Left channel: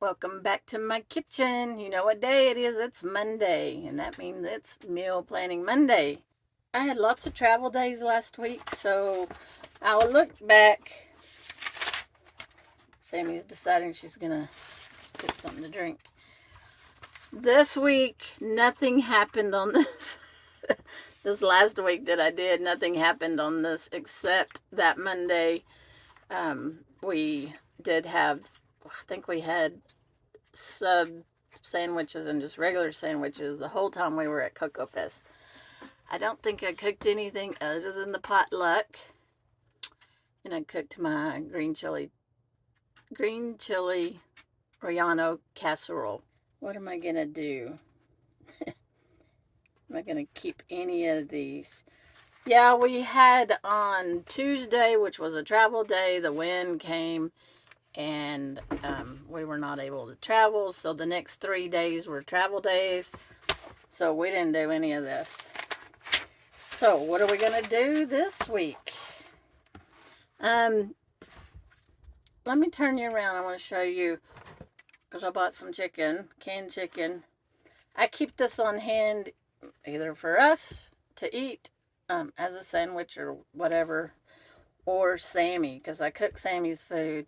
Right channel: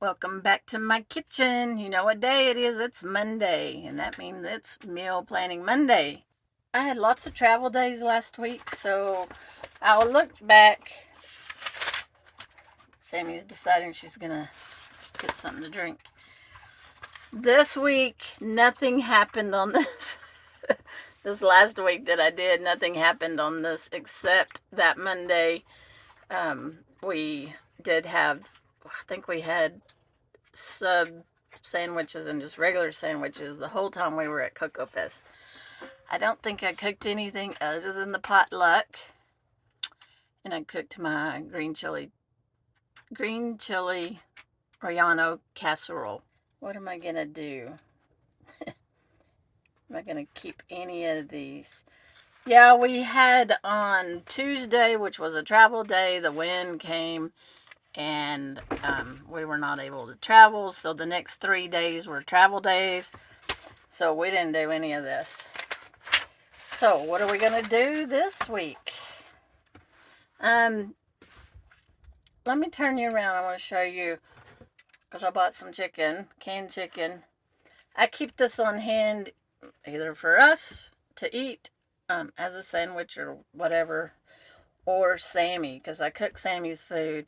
Welcome back to my kitchen. You know what day it is? It's Monday, and that means it's Meal Planning Monday. I had lots of travel days last week, so I'll look back. Sammy's deciding she's gonna get something to drink. This week, nothing happened on this. This last week that I did, nothing happened on this except that Monday. We did have, I think we had sub sandwiches and just regular sandwiches the whole time we were at Cocoa Fest. I don't think I cooked anything other than the potluck, and I cooked my green chili Relleno casserole. What am I gonna do? Am I gonna keep any of these? Yeah, we had on Tuesday, which was a travel day, the wind came and we were not able to travel. So the next 3 days were travel days. So we didn't do any of this. So what are we going to do this week? Let me turn you around. I want to show you, because I bought some chicken, canned chicken. I keep this on hand either for us to eat as a sandwich or whatever, or Sammy, because I cook Sammy's food.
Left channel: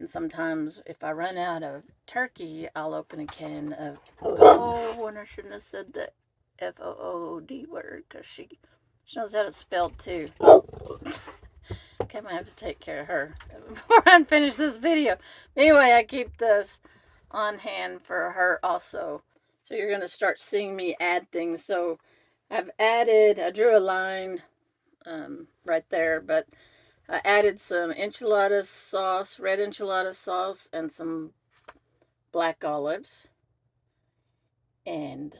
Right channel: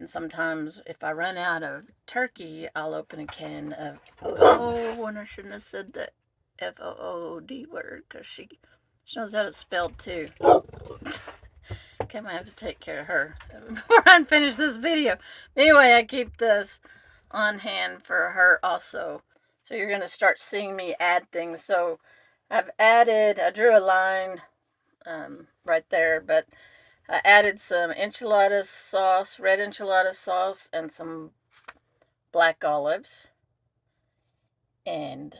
And sometimes if I run out of turkey, I'll open a can of, oh, and I shouldn't have said the F-O-O-D word, because she knows how to spell too. Okay, I might have to take care of her before I finish this video. Anyway, I keep this on hand for her also. So you're going to start seeing me add things. So I drew a line right there, but I added some enchilada sauce, red enchilada sauce, and some black olives. And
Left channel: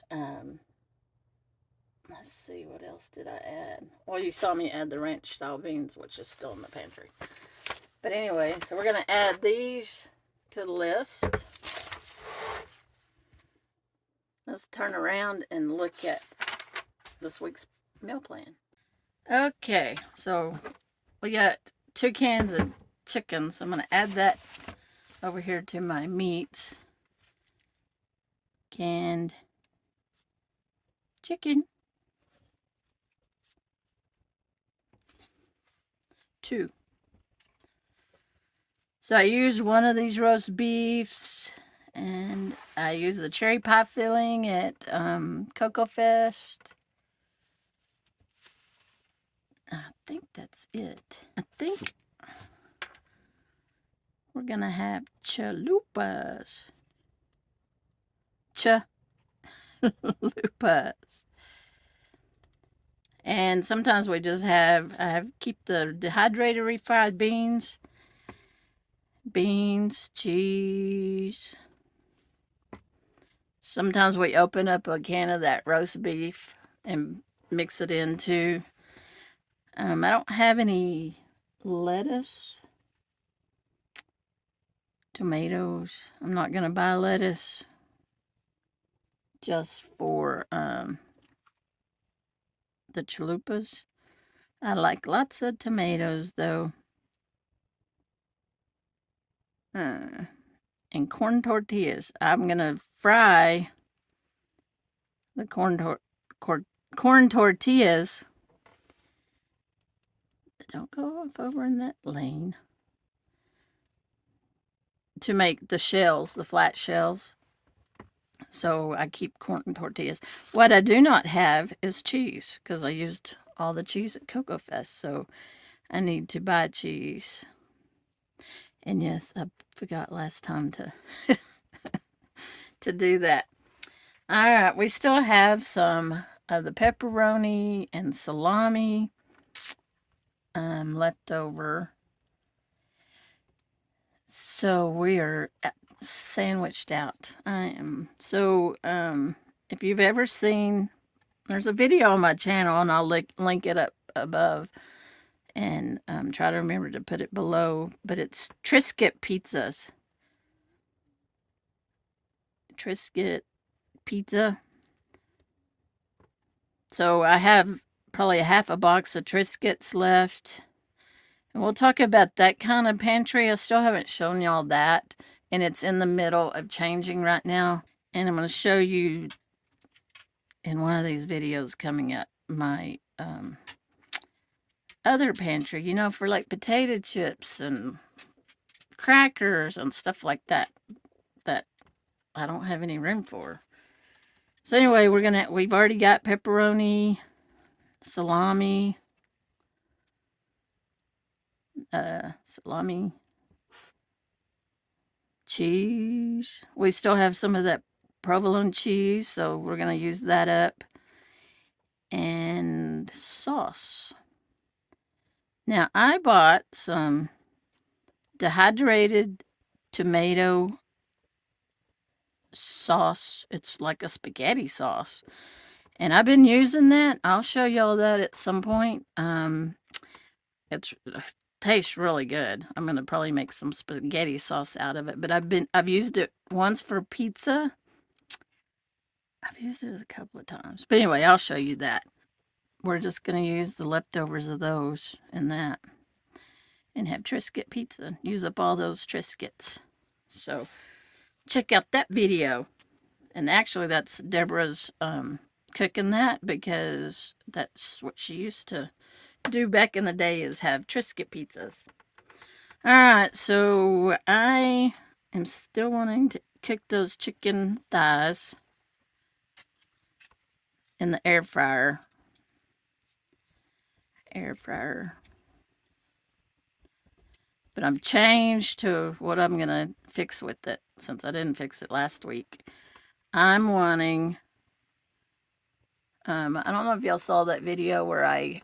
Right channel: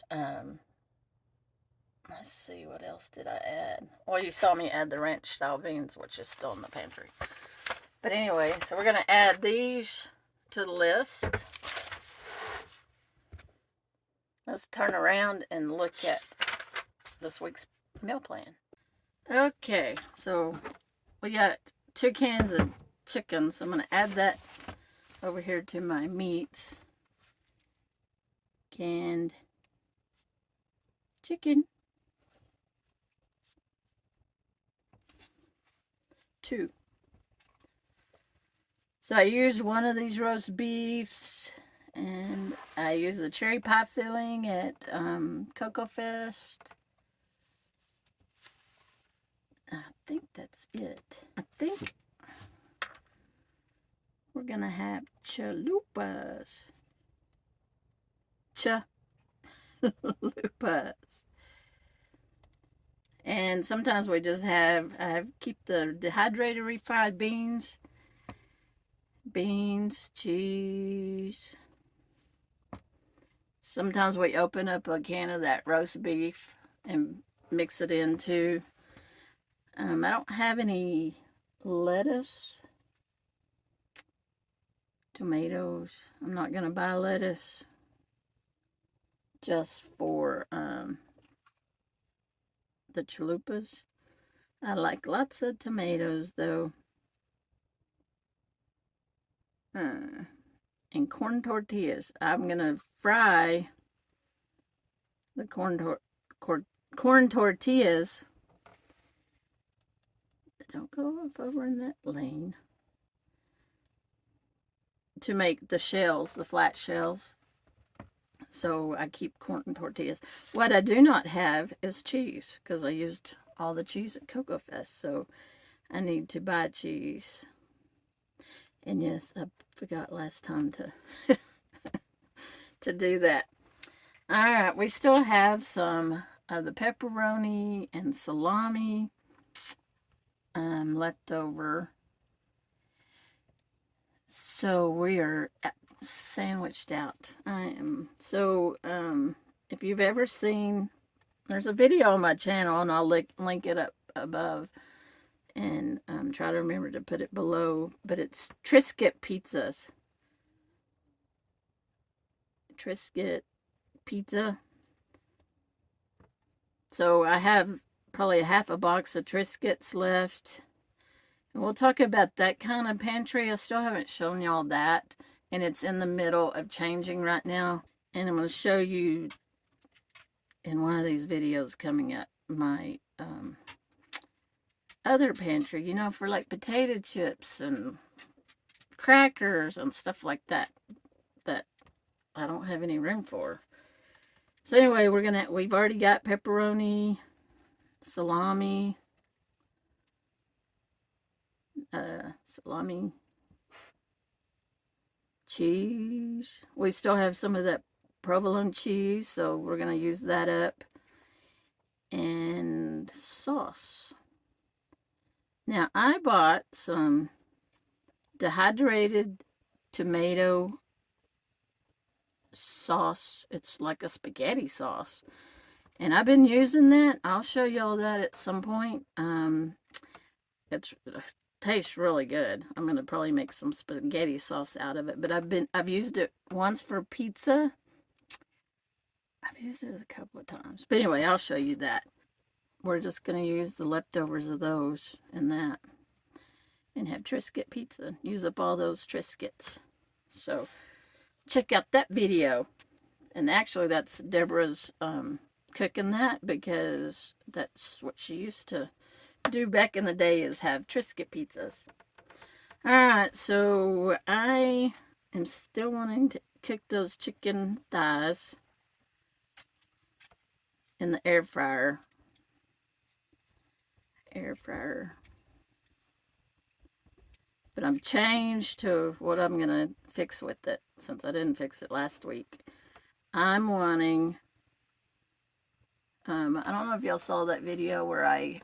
let's see, what else did I add? Well, you saw me add the ranch style beans, which is still in the pantry. But anyway, so we're going to add these to the list. Let's turn around and look at this week's meal plan. Okay, so we got 2 cans of chicken, so I'm going to add that over here to my meats. Canned chicken. 2. So I used one of these roast beefs, and I used the cherry pie filling at Cocoa Fest. I think that's it. I think we're gonna have chalupas. Chalupas. And sometimes we just keep the dehydrated refried beans, cheese. Sometimes we open up a can of that roast beef and mix it into. I don't have any lettuce, tomatoes. I'm not going to buy lettuce just for the chalupas. I like lots of tomatoes though. And corn tortillas. I'm going to fry the corn tortillas. Don't go off over in that lane. To make the shells, the flat shells. So I keep corn tortillas. What I do not have is cheese, because I used all the cheese at Cocoa Fest. So I need to buy cheese. And yes, I forgot last time to to do that. All right, we still have some of the pepperoni and salami left over. So we are sandwiched out. I am. So if you've ever seen, there's a video on my channel, and I'll link it up above, and try to remember to put it below. But it's Triscuit pizzas. Triscuit pizza. So I have probably a half a box of Triscuits left. And we'll talk about that kind of pantry. I still haven't shown y'all that, and it's in the middle of changing right now. And I'm going to show you in one of these videos coming up my other pantry, you know, for like potato chips and crackers and stuff like that that I don't have any room for. So anyway, we've already got pepperoni, salami, salami, cheese. We still have some of that provolone cheese, so we're going to use that up. And sauce. Now, I bought some dehydrated tomato sauce. It's like a spaghetti sauce. And I've been using that. I'll show y'all that at some point. It tastes really good. I'm gonna probably make some spaghetti sauce out of it. But I've used it once for pizza. I've used it a couple of times. But anyway, I'll show you that. We're just gonna use the leftovers of those and that, and have Triscuit pizza. Use up all those Triscuits. So check out that video. And actually, that's Deborah's cooking that, because that's what she used to do back in the day, is have Triscuit pizzas. Alright, so I am still wanting to cook those chicken thighs in the air fryer. But I'm changed to what I'm going to fix with it, since I didn't fix it last week. I'm wanting, I don't know if y'all saw that video where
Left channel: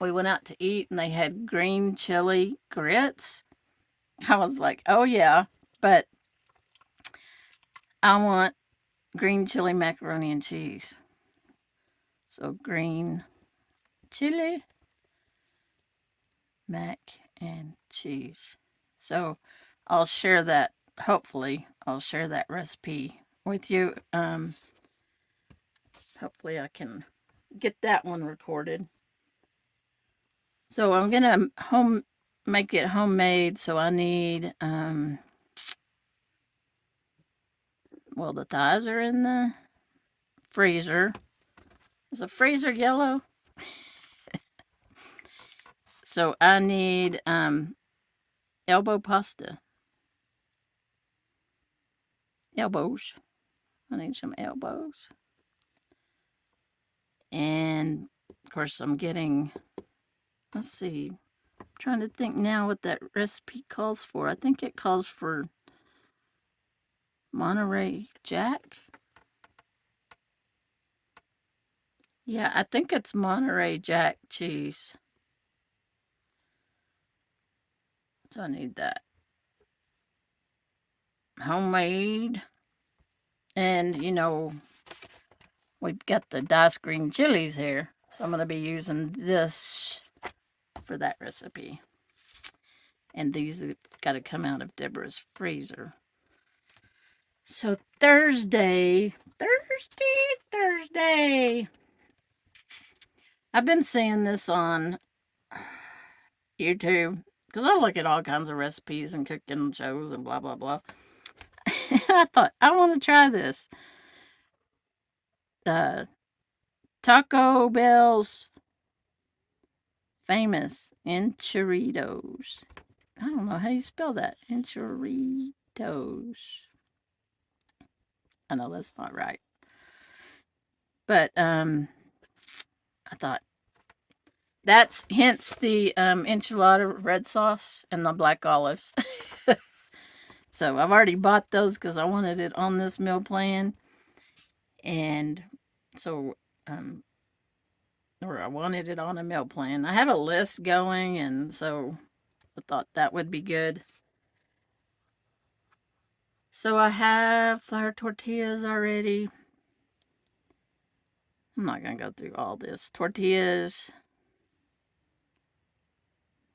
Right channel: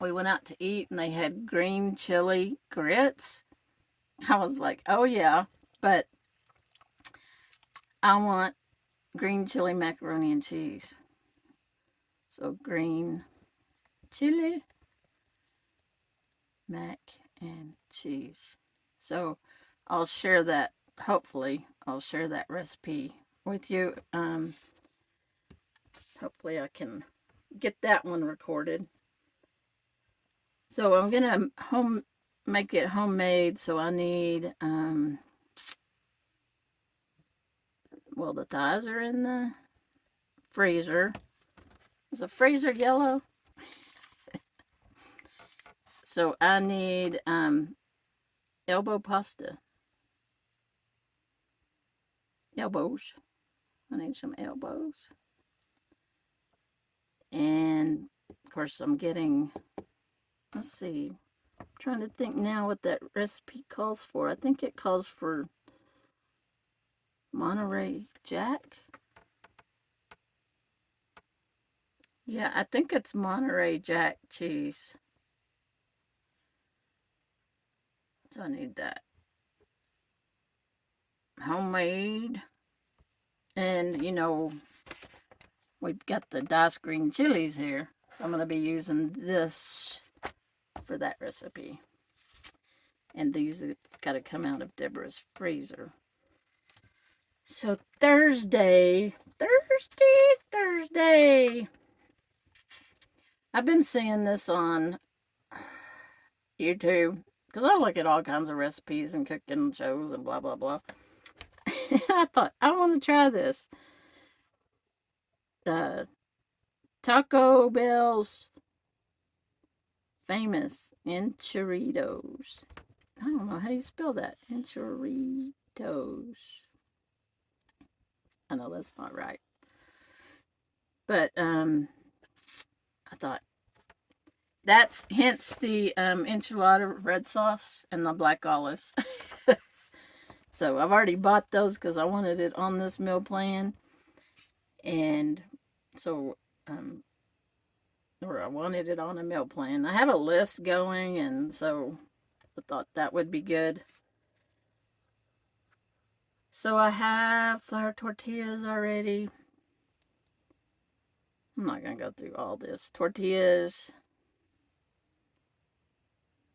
we went out to eat and they had green chili grits. I was like, oh yeah, but I want green chili macaroni and cheese. So green chili mac and cheese. So I'll share that, hopefully I'll share that recipe with you. Hopefully I can get that one recorded. So I'm gonna make it homemade. So I need well, the thighs are in the freezer. Is the freezer yellow? So I need elbow pasta. Elbows. I need some elbows. And of course I'm getting, let's see, I'm trying to think now what that recipe calls for. I think it calls for Monterey Jack. Yeah, I think it's Monterey Jack cheese. So I need that. Homemade. And, you know, we've got the diced green chilies here. So I'm going to be using this for that recipe. And these have got to come out of Deborah's freezer. So Thursday. I've been seeing this on YouTube, because I look at all kinds of recipes and cooking shows and blah, blah, blah. I thought, I want to try this. Taco Bell's famous enchiritos. I don't know how you spell that. Enchiritos. I know that's not right. But I thought, that's hence the enchilada red sauce and the black olives. So I've already bought those because I wanted it on this meal plan. And so, or I wanted it on a meal plan. I have a list going, and so I thought that would be good. So I have flour tortillas already. I'm not going to go through all this. Tortillas.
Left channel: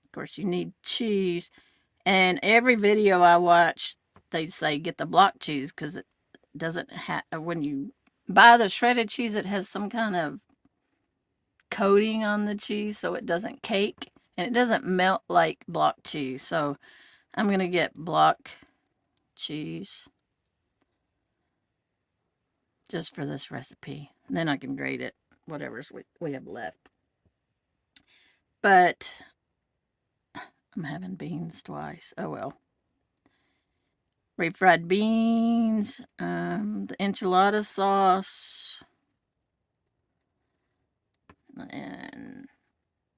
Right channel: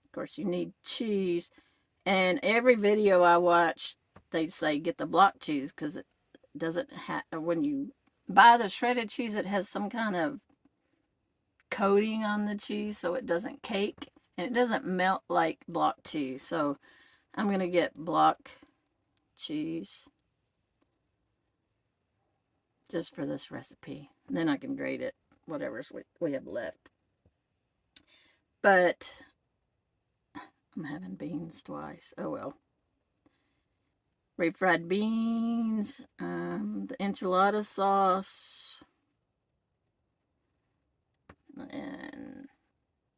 Of course, you need cheese. And every video I watch, they say get the block cheese, because it doesn't have, when you buy the shredded cheese, it has some kind of coating on the cheese so it doesn't cake and it doesn't melt like block cheese. So I'm going to get block cheese. Just for this recipe. And then I can grate it, whatever's we have left. But I'm having beans twice. Oh well. Refried beans, the enchilada sauce, and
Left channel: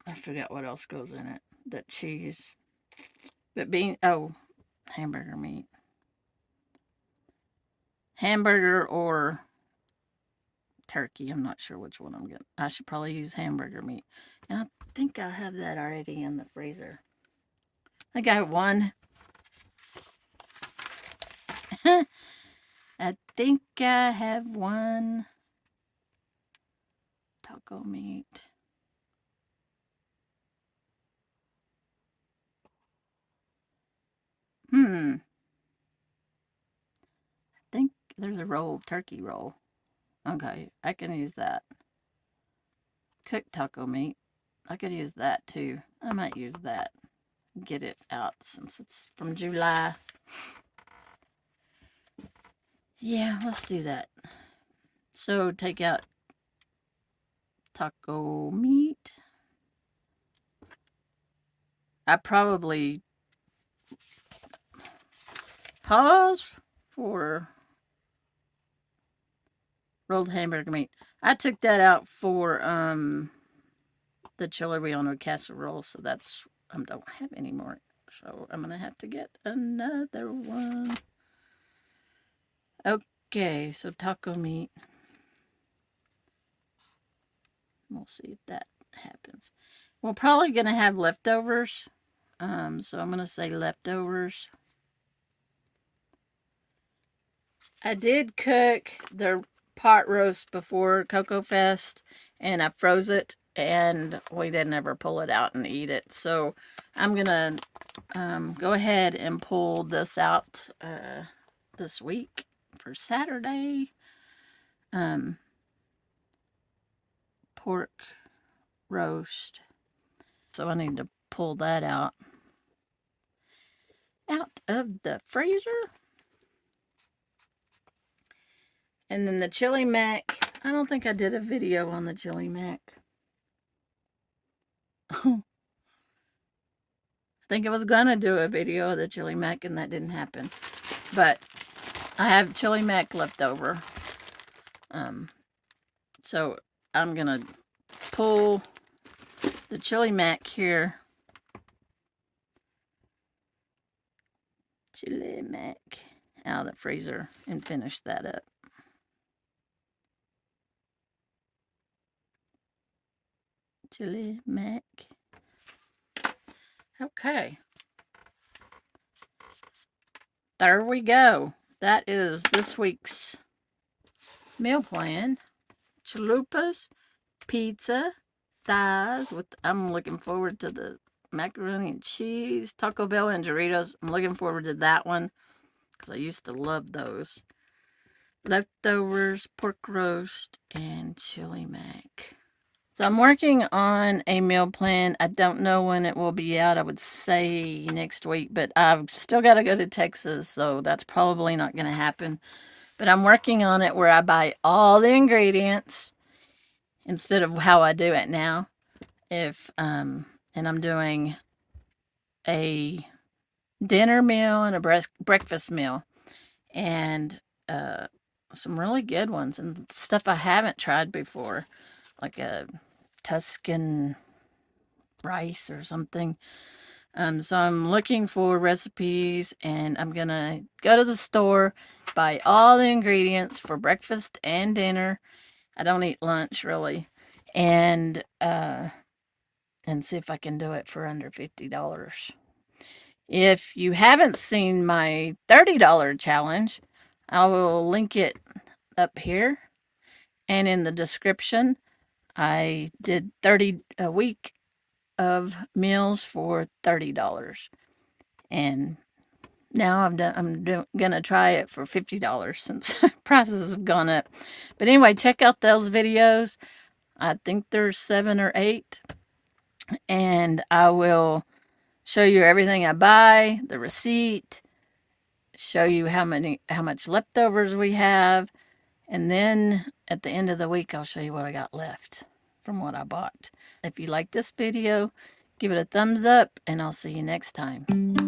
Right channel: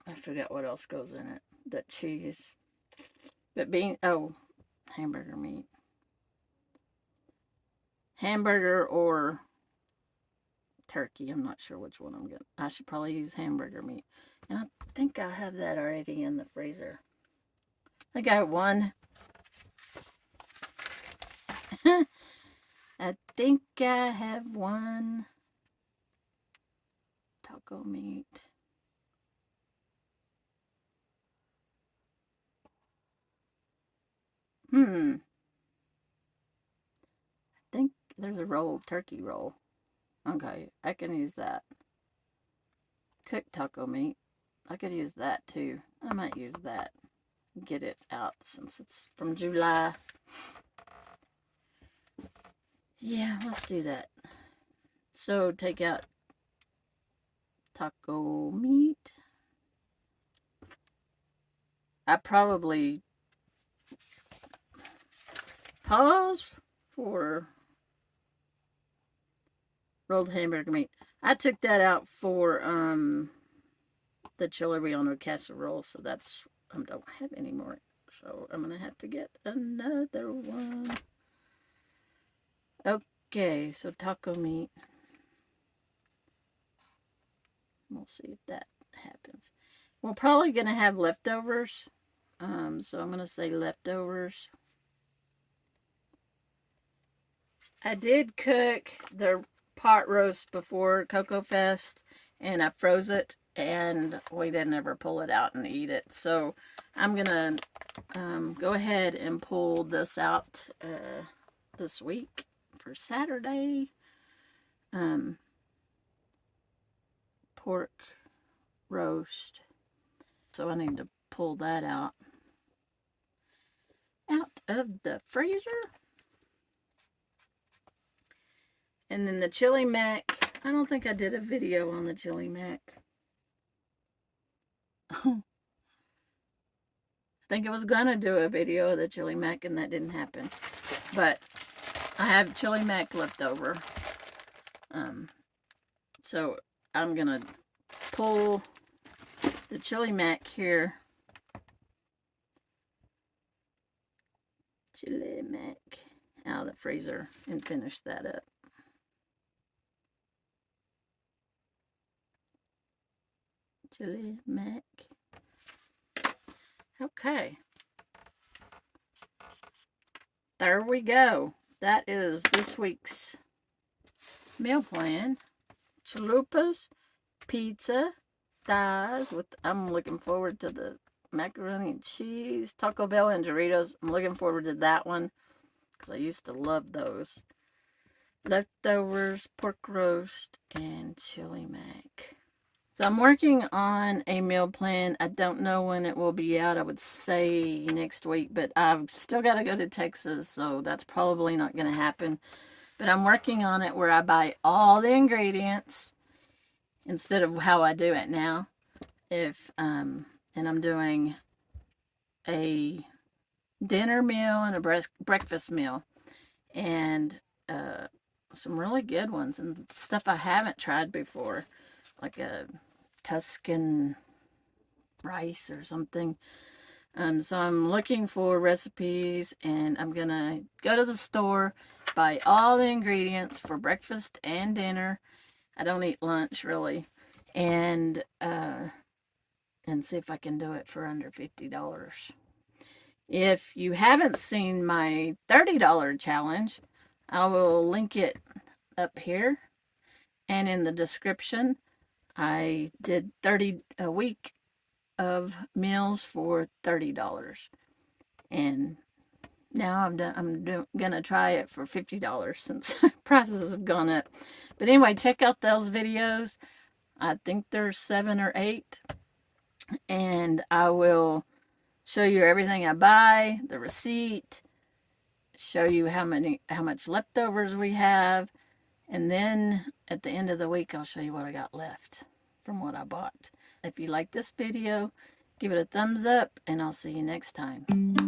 I forgot what else goes in it. That cheese. But hamburger meat. Hamburger or turkey. I'm not sure which one I'm getting. I should probably use hamburger meat. And I think I have that already in the freezer. I got one. I think I have one. Taco meat. I think there's a roll, turkey roll. Okay, I can use that. Cooked taco meat. I could use that too. I might use that. Get it out since it's from July. Yeah, let's do that. So take out taco meat. I probably pause for rolled hamburger meat. I took that out for the chili relleno casserole, so that's I don't have any more. So I'm gonna have to get another one. Okay, so taco meat. We'll see if that happens. We're probably gonna have leftovers. So I'm gonna say leftovers. I did cook the pot roast before Cocoa Fest, and I froze it, and we didn't ever pull it out and eat it. So I'm gonna go ahead and pull this out this week for Saturday. Pork roast. So I need to pull that out of the freezer. And then the chili mac. I don't think I did a video on the chili mac. I think I was gonna do a video of the chili mac and that didn't happen. But I have chili mac left over. So I'm gonna pull the chili mac here. Chili mac out of the freezer and finish that up. Chili mac. Okay. There we go. That is this week's meal plan. Chalupas, pizza, thighs. I'm looking forward to the macaroni and cheese, Taco Bell and Doritos. I'm looking forward to that one because I used to love those. Leftovers, pork roast, and chili mac. So I'm working on a meal plan. I don't know when it will be out. I would say next week, but I've still got to go to Texas, so that's probably not going to happen. But I'm working on it where I buy all the ingredients instead of how I do it now. And I'm doing a dinner meal and a breakfast meal, and some really good ones and stuff I haven't tried before, like a Tuscan rice or something. So I'm looking for recipes, and I'm gonna go to the store, buy all the ingredients for breakfast and dinner. I don't eat lunch really, and see if I can do it for under $50. If you haven't seen my $30 challenge, I will link it up here and in the description. I did 30 a week of meals for $30, and now I'm gonna try it for $50 since prices have gone up. But anyway, check out those videos. I think there's 7 or 8, and I will show you everything I buy, the receipt, show you how much leftovers we have, and then at the end of the week I'll show you what I got left from what I bought. If you like this video, give it a thumbs up, and I'll see you next time.